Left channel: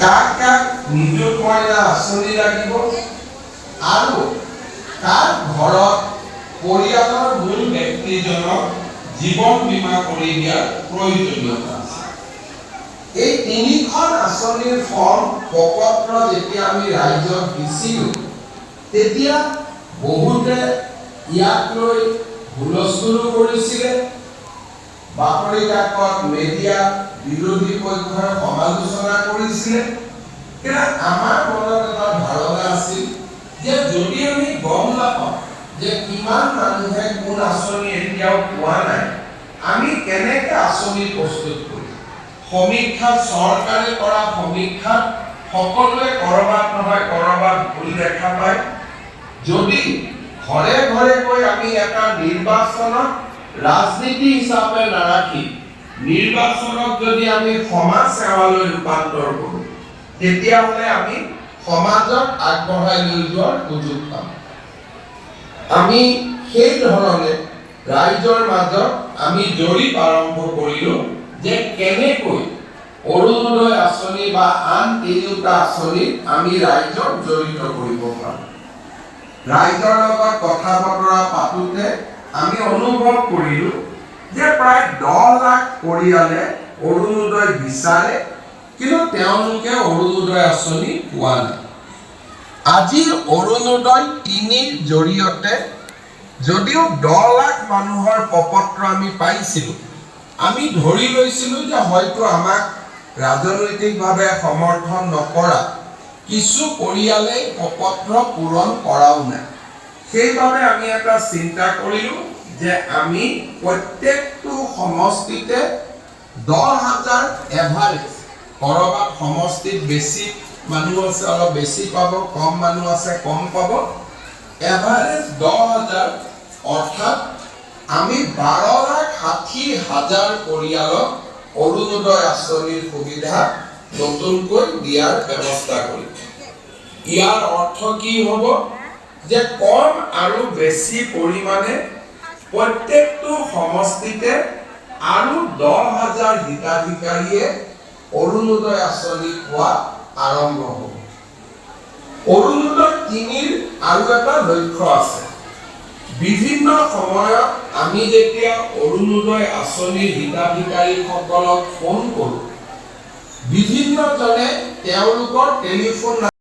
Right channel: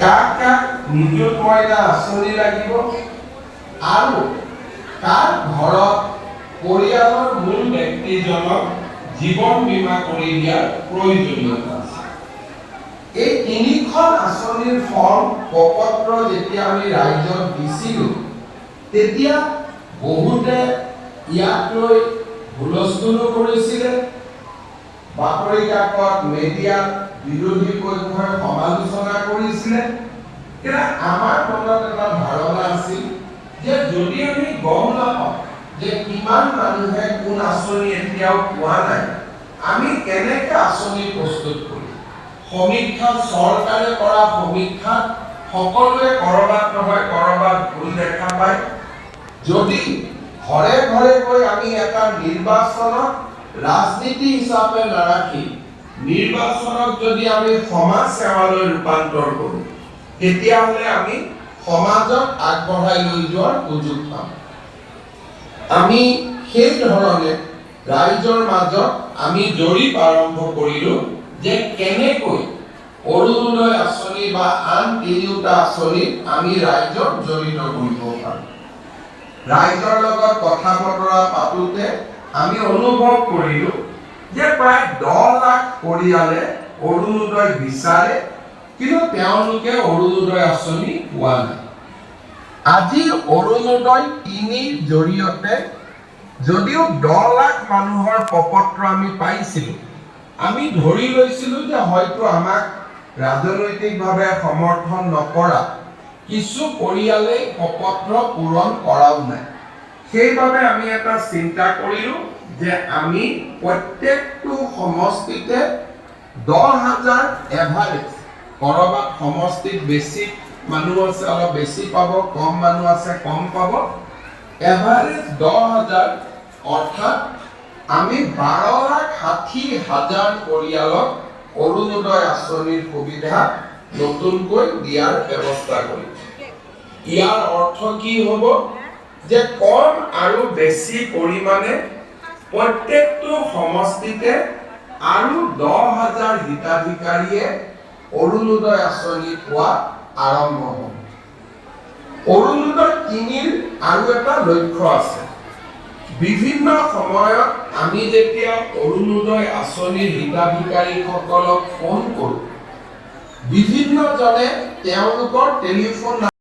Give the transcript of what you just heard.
কাক কাক নিযুত মইনা আঁচনি লাগিব আৰু কাৰ ঘৰত পৰিয়ালৰ মূল ব্যক্তিজনক জীৱন বীমা কৰি দিয়াৰ প্ৰয়োজনীয়তা আছে। এই তিনিখন আঁচনিৰ ফৰ্ম প্ৰপত্ৰ যেতিয়া আমি ৰাজ্যত দিছিলোঁ তেতিয়া বহুতে ইয়াক লৈ হুলস্থুল কৰিছিলে, বাতৰি কাকত মিডিয়াত বিৰোধী পক্ষই সমালোচনা কৰিছিলে। কিন্তু আমাৰ মনত এটা ধাৰণা আছিল যে যদি আমি গম নাপাওঁ যে কিমান মানুহে কোন আঁচনি এতিয়াও পোৱা নাই, আমি কেনেকৈ আঁচনি প্ৰস্তুত কৰিম? সমীক্ষা চৰকাৰে কৰা সমীক্ষাত সকলোৱে কৰবাত নহয় কৰবাত ভুল দেখা পায়। যদি ঘৰে ঘৰে গৈ আমি এটা নিৰ্বাচনক ৰাজনীতি হিচাপে নাৰাখি নিৰ্বাচনক যদি আমি সমাজ সেৱালৈ ৰূপান্তৰ কৰোঁ তেতিয়াহ'লে আমি সমাজক আগবঢ়াই লৈ যোৱাৰ সুযোগ পাম। আমি সেই ধৰণে ৰাইজৰ মাজত আমি জৰীপ আৰম্ভ কৰিলোঁ যে কেনেকৈ অৰুণোদয় আঁচনি বা আন তিনিওটা আঁচনিত আমি ৰাইজক জড়িত কৰিব পাৰোঁ। ৰাইজৰ লগত কথা বতৰা পাতোতে আমি অনুভৱ কৰিলোঁ যে প্ৰায় 10 লাখ পৰিয়ালে অৰুণোদয় বিচাৰে, কিন্তু তেওঁলোকে অৰুণোদয় আঁচনি পোৱা নাই। আজিৰ অৰুণোদয় 3ৰ জৰিয়তে যদিও 10 লাখ মানুহৰ প্ৰপত্ৰ আমি পাইছিলোঁ, আমি ধৰি লৈছিলোঁ যে হয়তো আমাক ৰাজনৈতিকভাৱে সমৰ্থন নকৰা কিছু পৰিয়ালে প্ৰপত্ৰ পূৰণ কৰাও নাই। সেইবাবে আমি এটা চিন্তা কৰিলোঁ যে আমি প্ৰত্যেকটো সমষ্টিতে 10,000 এভাৰেজ, কৰবাত সমষ্টিত বেছি মানুহ আছে অলপ বেছি পাব, কম মানুহ আছে কম পাব, এভাৰেজ 10,000 অৰ্থাৎ আমি 12,60,000 পৰিয়ালক অৰুণোদয় আঁচনিৰ সুবিধা নতুনকৈ দিয়াৰ ব্যৱস্থা কৰিম। ইয়াৰ অৰ্থ কি হ'ব যে কম আৰু বেছি পৰিমাণে প্ৰত্যেকটো সমষ্টিতে আৰু 10,000 হিতাধিকাৰীয়ে অৰুণোদয় আঁচনি পোৱা আৰম্ভ হ'ব। অৰুণোদয় 3ৰ আৰু এটা লক্ষ্য আছে। বিভিন্ন সময়ত আমি যেতিয়া অৰুণোদয় আঁচনিৰ হিতাধিকাৰীসকলক ফোন কৰোঁ, বিভিন্নজনে তেওঁলোকৰ টেলিফোন